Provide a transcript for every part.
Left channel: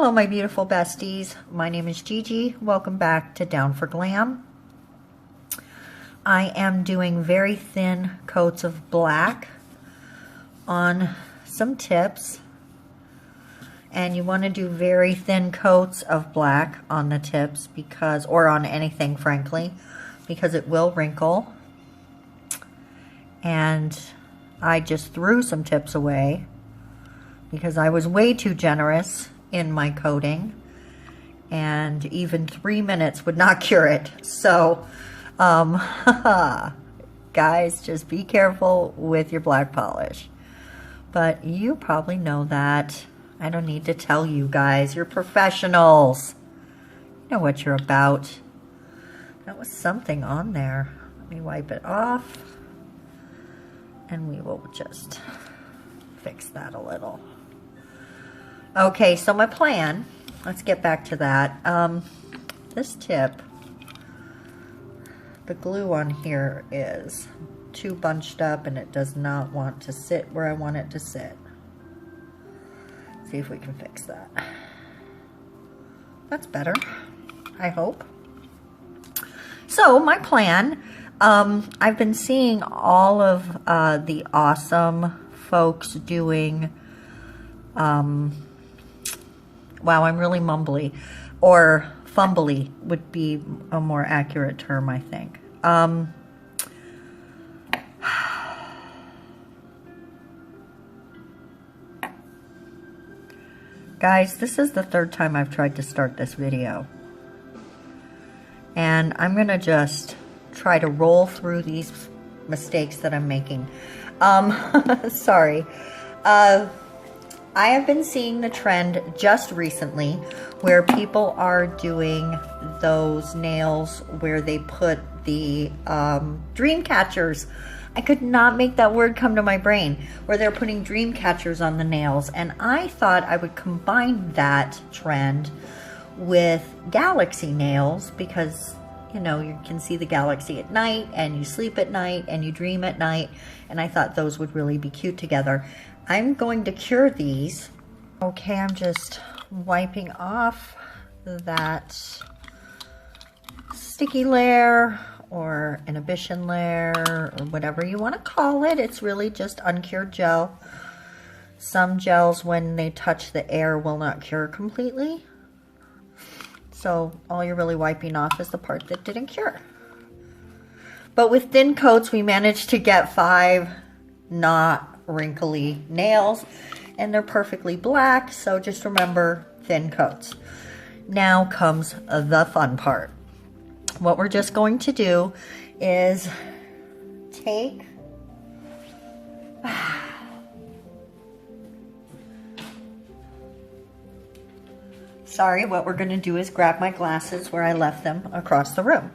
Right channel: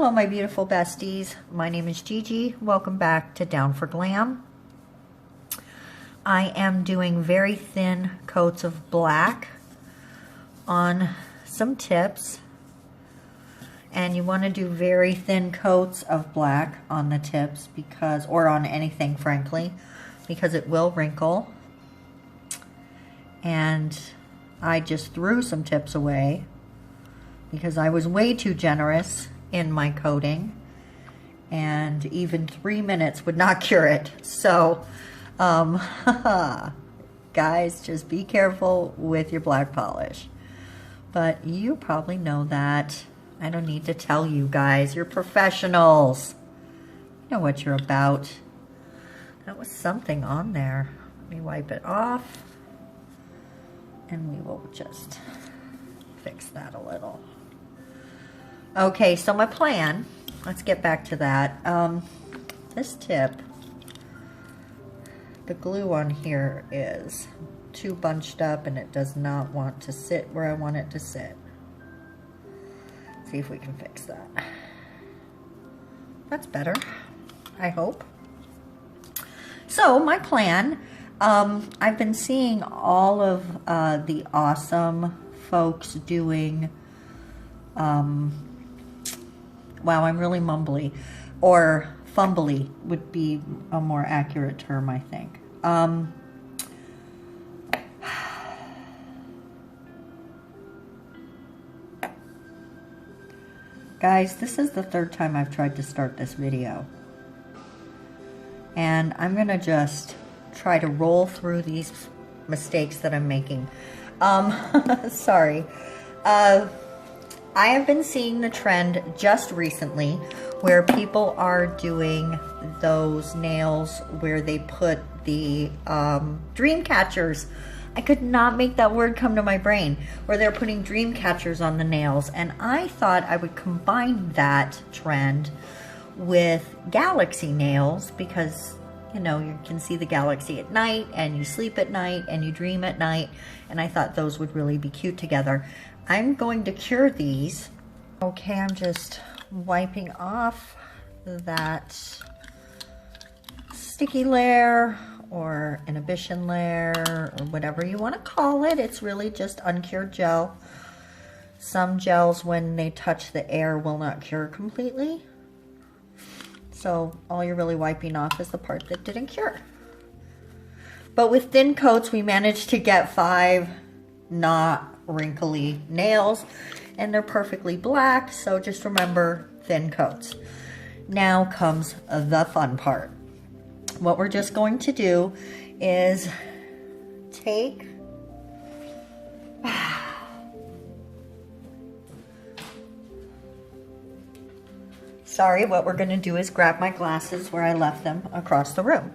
Hello, my beautiful besties. My name is Gigi. Welcome back to Down for Glam. I am doing very thin coats of black on some tips. And you want to do very thin coats of black on the tips because, or on anything, frankly, because it will wrinkle. And I just threw some tips away because I was way too generous in my coating, and even 3 minutes would not cure it. So guys, just be careful with your black polish. But you probably know that. I don't need to tell you guys. You're professionals. You know what you're about. That was something on there. Let me wipe it off, and we will just fix that a little. Okay, so my plan, let's get back to that. This tip, the glue on here is too bunched up and it does not want to sit where I want it to sit. See if we can fix that. That's better, I hope. So my plan, I've been seeing all of the awesome folks doing, wow, I'm really mumbly, or fumbly would be a more accurate term, I think. Guys, this is the third time I've tried to start this video. And I'm gonna just try to roll through these mistakes that I'm making. Sorry. I have been seeing the trend just recently where people are doing those nails where they put the dream catchers. I could not make that word come to my brain, where they're putting dream catchers on the nails. And I thought I would combine that trend with galaxy nails because, you know, you can see the galaxy at night and you sleep at night and you dream at night. And I thought those would really be cute together. I'm going to cure these. Okay, I'm just wiping off that sticky layer or inhibition layer or whatever you want to call it. It's really just uncured gel. Some gels, when they touch the air, will not cure completely. So all you're really wiping off is the part that didn't cure. But with thin coats, we managed to get 5 not wrinkly nails, and they're perfectly black. So just remember, thin coats. Now comes the fun part. What we're just going to do is take sorry, what we're going to do is grab my glasses where I left them across the room.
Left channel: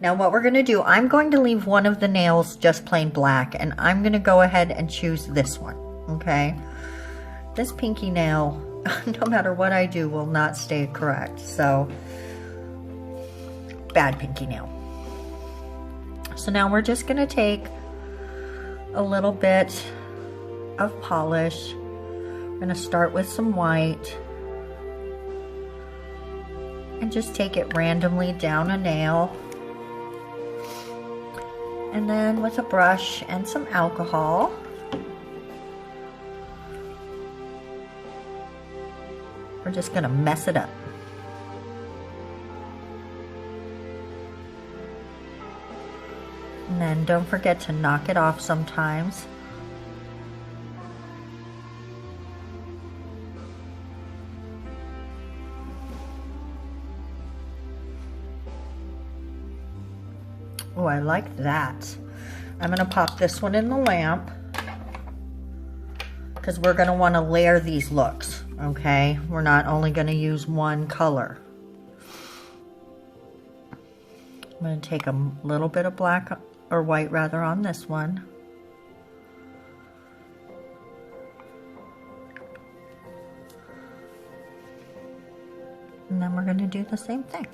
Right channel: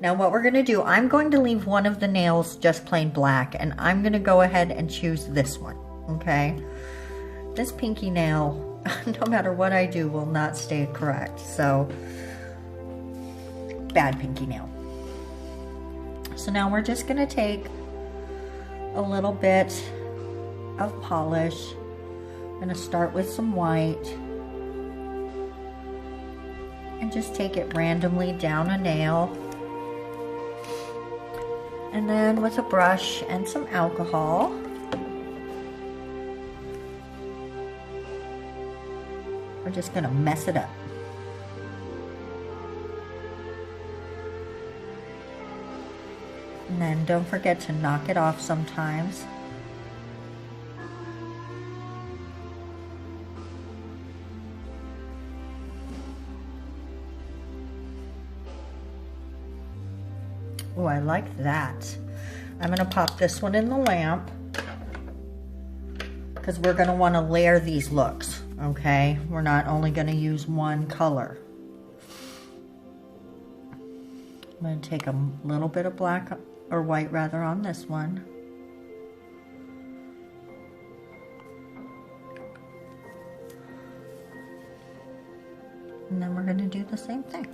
Now what we're going to do, I'm going to leave one of the nails just plain black, and I'm going to go ahead and choose this one, okay? This pinky nail, no matter what I do, will not stay correct. So, bad pinky nail. So now we're just going to take a little bit of polish. I'm going to start with some white and just take it randomly down a nail. And then with a brush and some alcohol, we're just going to mess it up. And then don't forget to knock it off sometimes. Oh, I like that. I'm going to pop this one in the lamp because we're going to want to layer these looks, okay? We're not only going to use one color. I'm going to take a little bit of black, or white rather, on this one. And then we're going to do the same thing.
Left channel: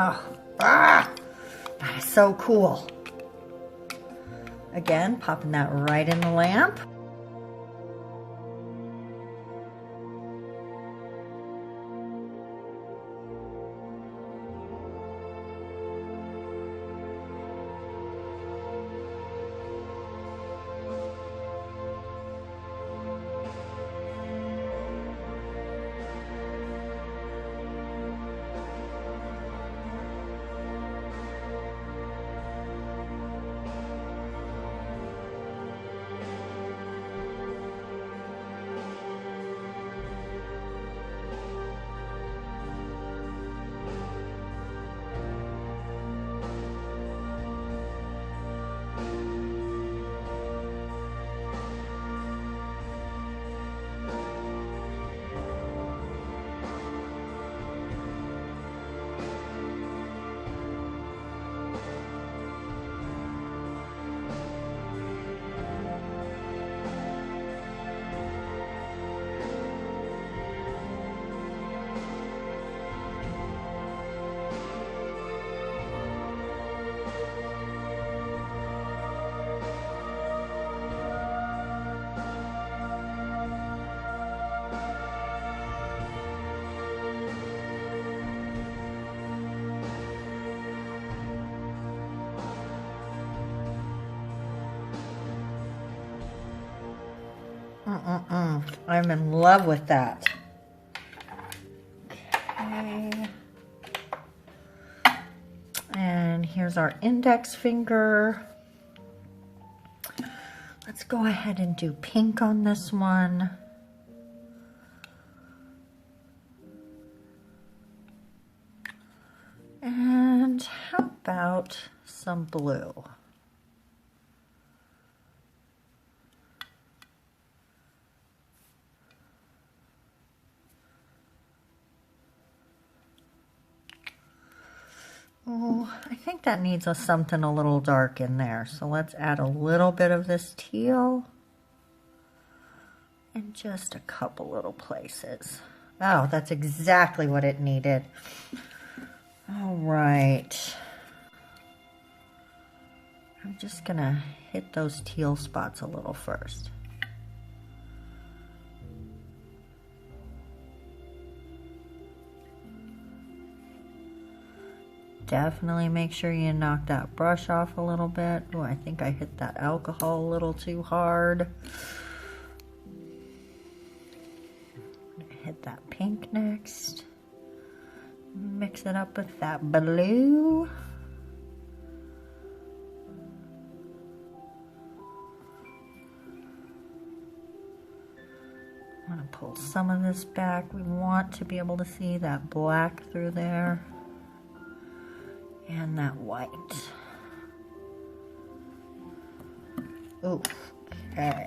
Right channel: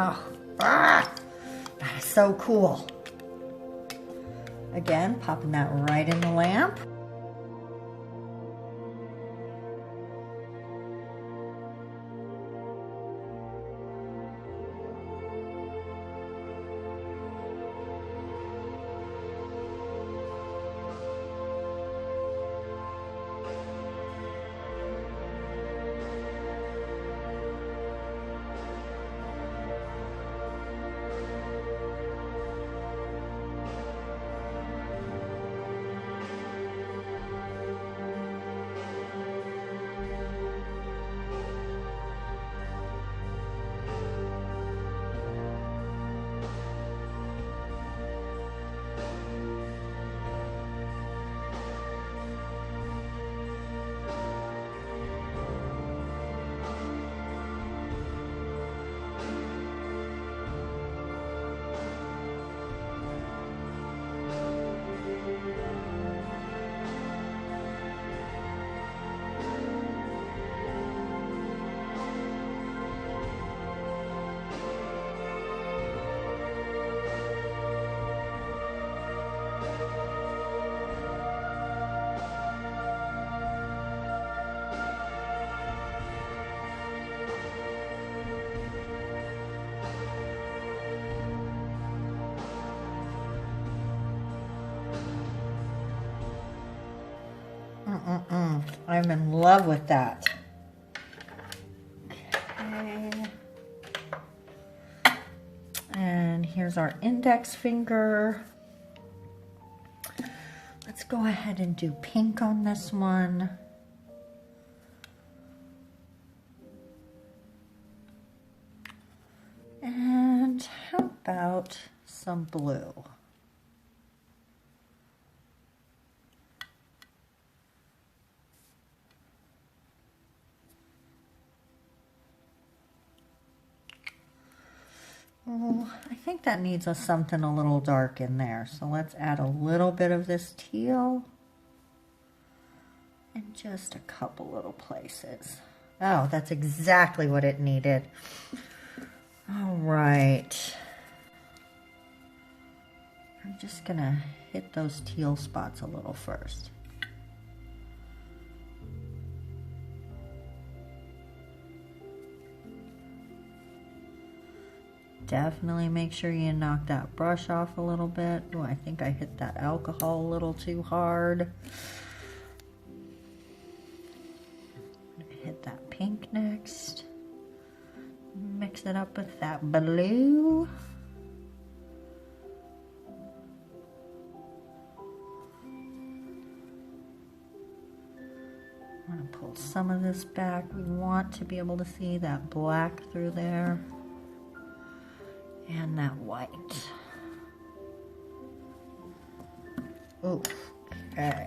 Oh, that is so cool. Again, popping that right in the lamp. I'm in love with that. Okay. And here's our index finger. Let's go ahead and do pink on this one. And how about some blue? Oh, I think that needs something a little dark in there. So let's add a little bit of this teal in just a couple little places. Oh, that's exactly what it needed. All right. I'm just gonna hit those teal spots a little first. Definitely make sure you knock that brush off a little bit. Oh, I think I hit that alcohol a little too hard. Hit that pink next. Mix it up with that blue. I'm going to pull some of this back. We want to be able to see that black through there. And that white. Ooh, okay.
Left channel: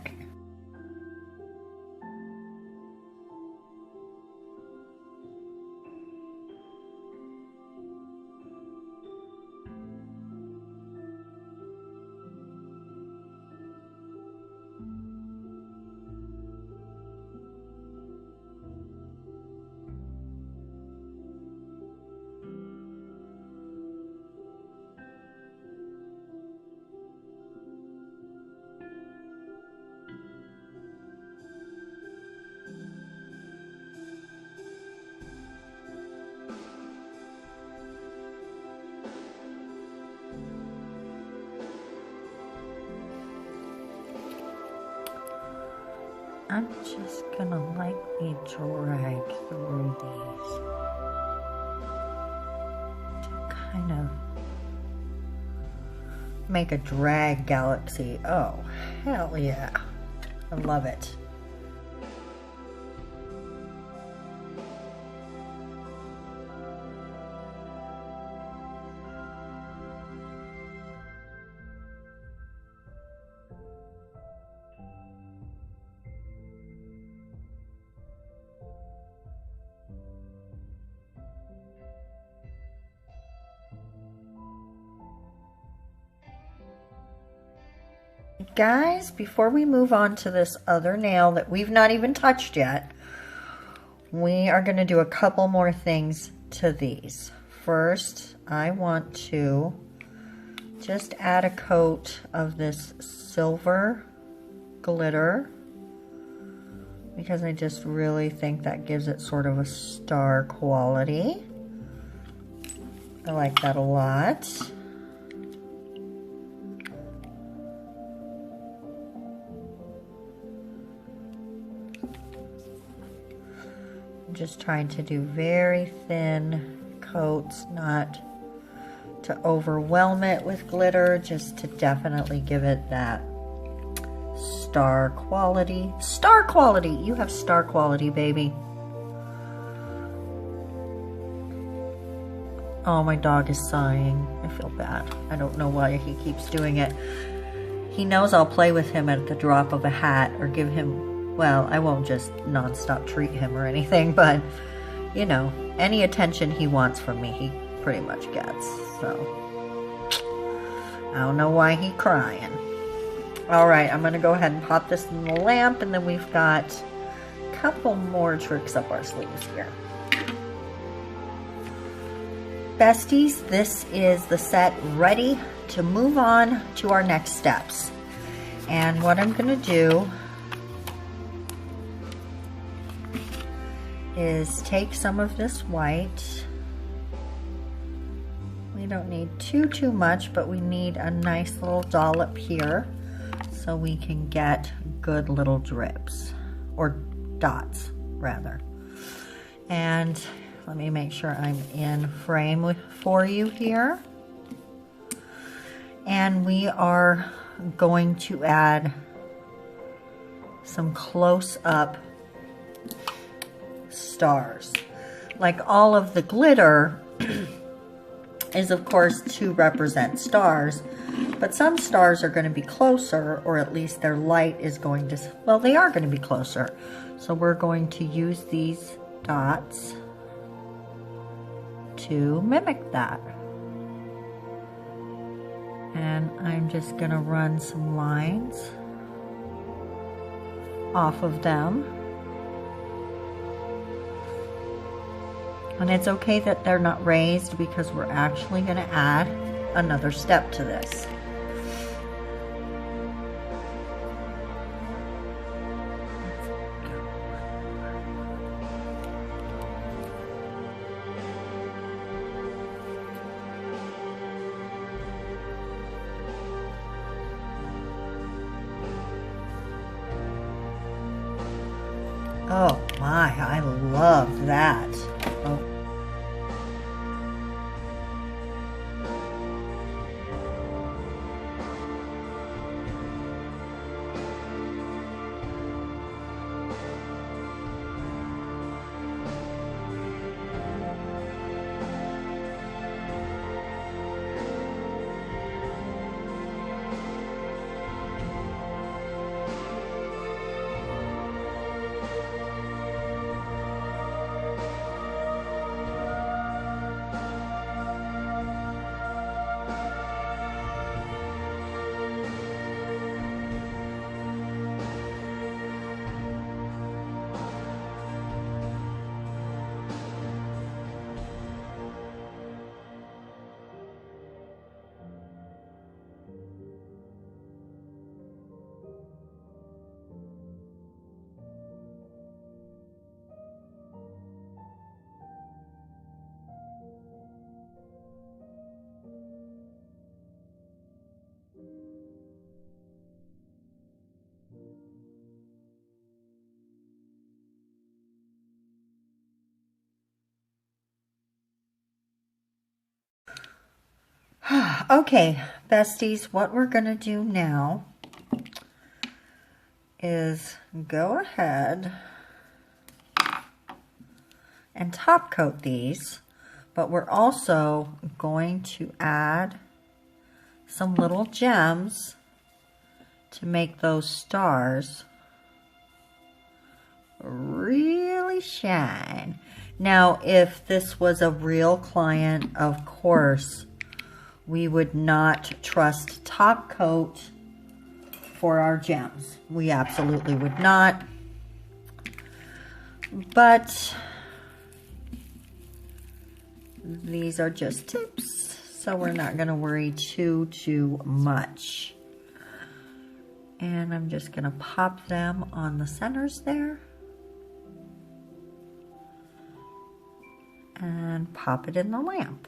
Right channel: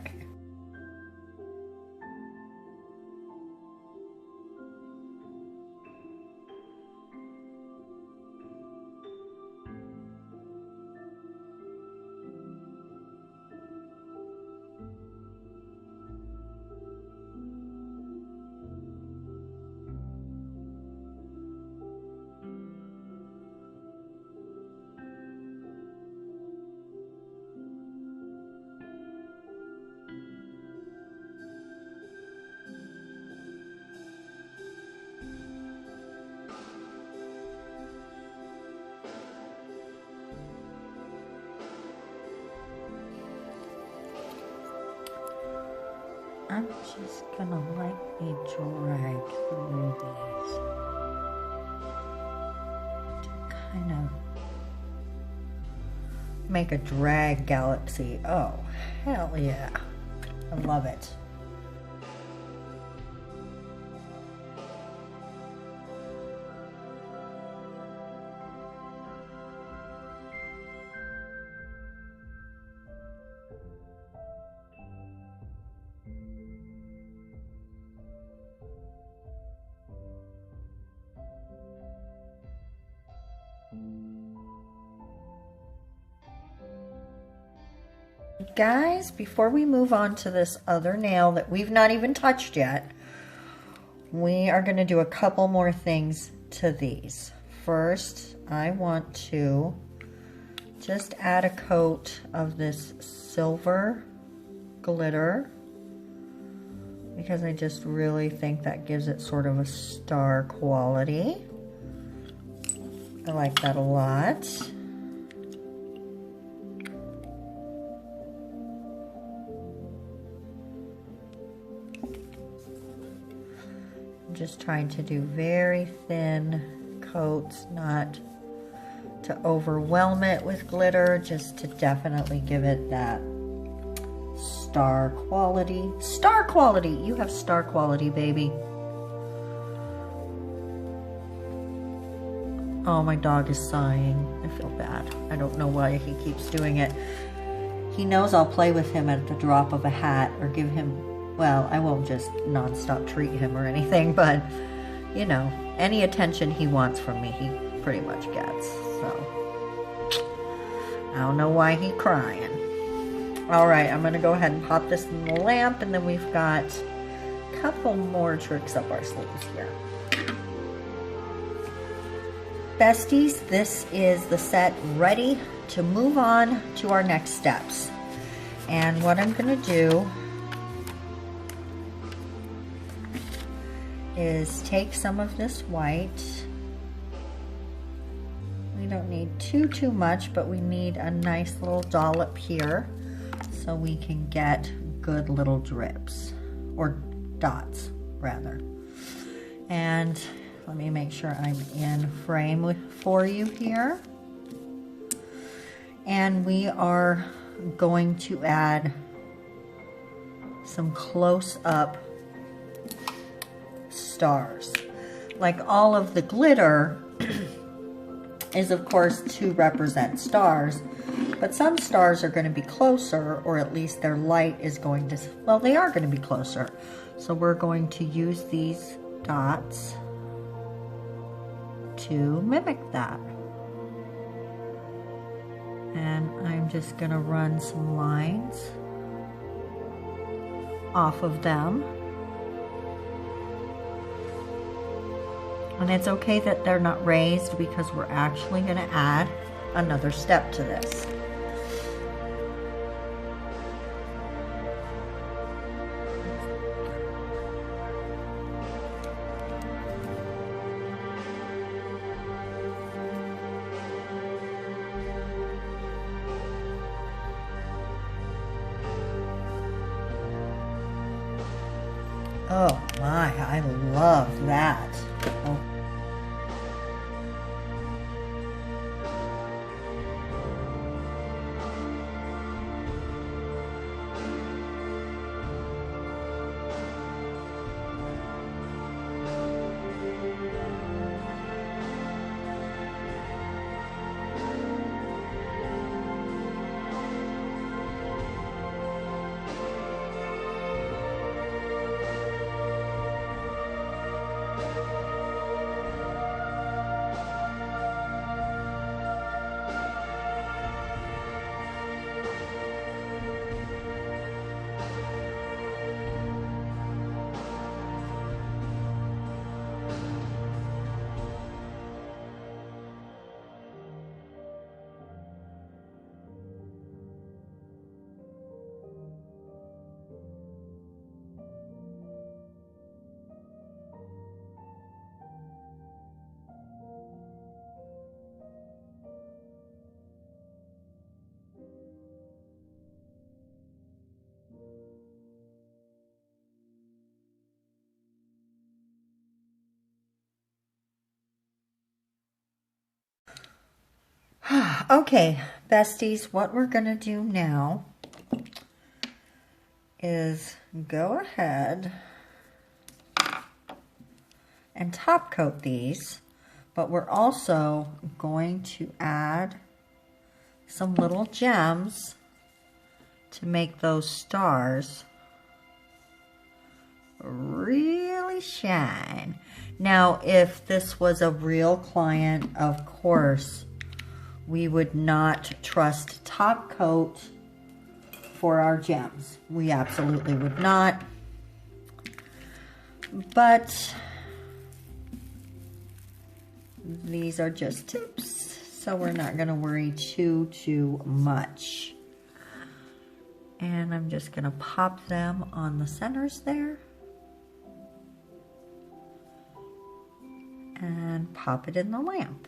I'm just gonna lightly drag through these to kind of make a drag galaxy. Oh, hell yeah. I love it. Guys, before we move on to this other nail that we've not even touched yet, we are going to do a couple more things to these. First, I want to just add a coat of this silver glitter because I just really think that gives it sort of a star quality. I like that a lot. I'm just trying to do very thin coats, not to overwhelm it with glitter, just to definitely give it that star quality. Star quality! You have star quality, baby. Oh, my dog is sighing. I feel bad. I don't know why he keeps doing it. He knows I'll play with him at the drop of a hat or give him, well, I won't just nonstop treat him or anything, but, you know, any attention he wants from me, he pretty much gets. So, I don't know why he's crying. All right, I'm going to go ahead and pop this in the lamp, and then we've got a couple more tricks up our sleeves here. Besties, this is the set ready to move on to our next steps. And what I'm going to do is take some of this white. We don't need too much, but we need a nice little dollop here so we can get good little drips, or dots rather. And let me make sure I'm in frame for you here. And we are going to add some close-up stars. Like all of the glitter is of course to represent stars, but some stars are going to be closer, or at least their light is going to, well, they are going to be closer. So we're going to use these dots to mimic that. And I'm just going to run some lines off of them. And it's okay that they're not raised because we're actually going to add another step to this. Oh my, I love that. Oh. Okay, besties, what we're going to do now is go ahead and top coat these, but we're also going to add some little gems to make those stars really shine. Now, if this was a real client, of course, we would not trust top coat for our gems. We absolutely would not. But these are just tips. So we're not going to worry too much. And I'm just going to pop them on the centers there. And pop it in the lamp.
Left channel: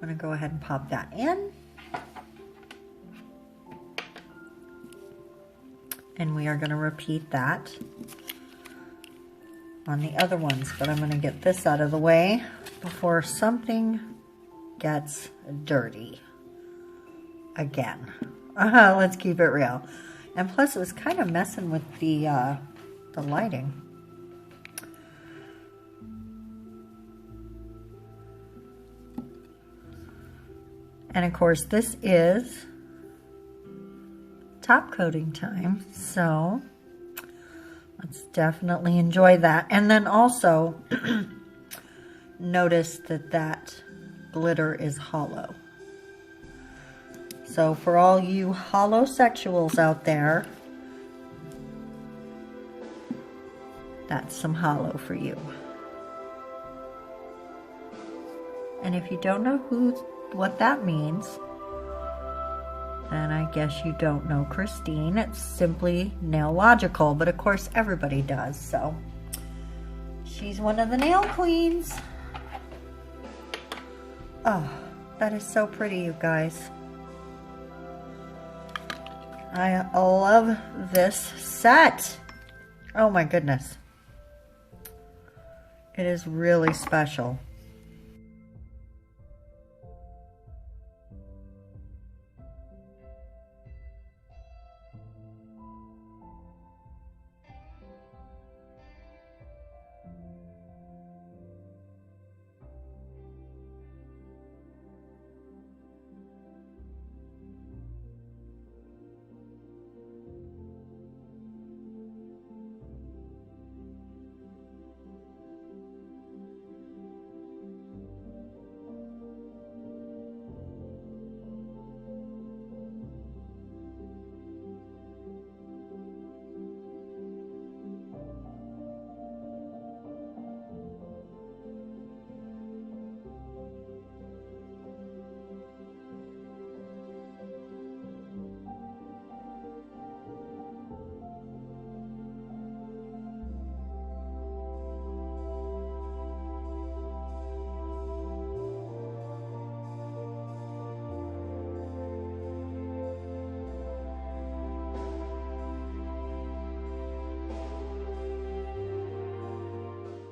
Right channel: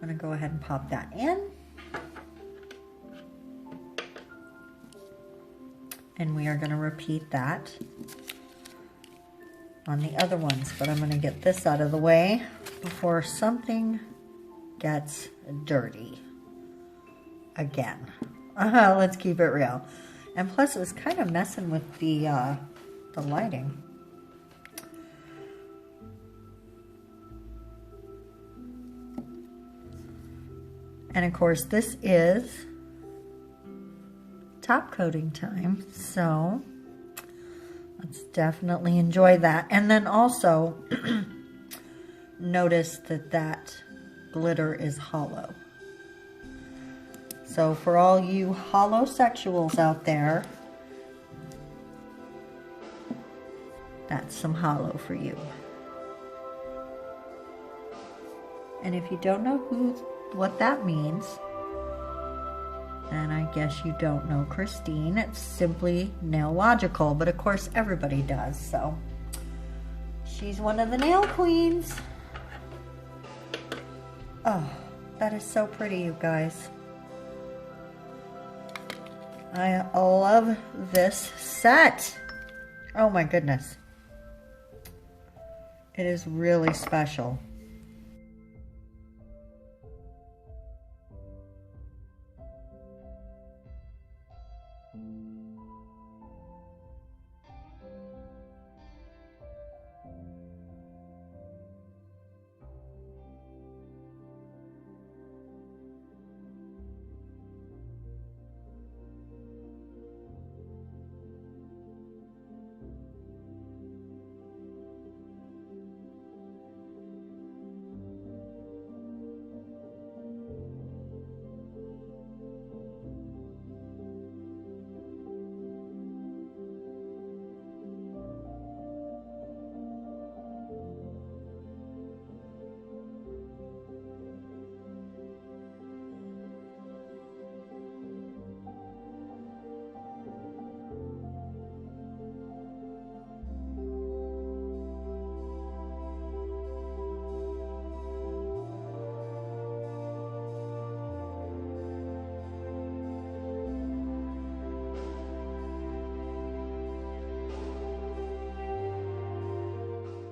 I'm going to go ahead and pop that in. And we are going to repeat that on the other ones. But I'm going to get this out of the way before something gets dirty again. Let's keep it real. And plus it was kind of messing with the lighting. And of course this is top coating time, so let's definitely enjoy that. And then also notice that that glitter is hollow. So for all you holosexuals out there, that's some hollow for you. And if you don't know what that means, then I guess you don't know Christine. It's simply nail logical, but of course everybody does, so she's one of the nail queens. Oh, that is so pretty, you guys. I love this set. Oh my goodness. It is really special.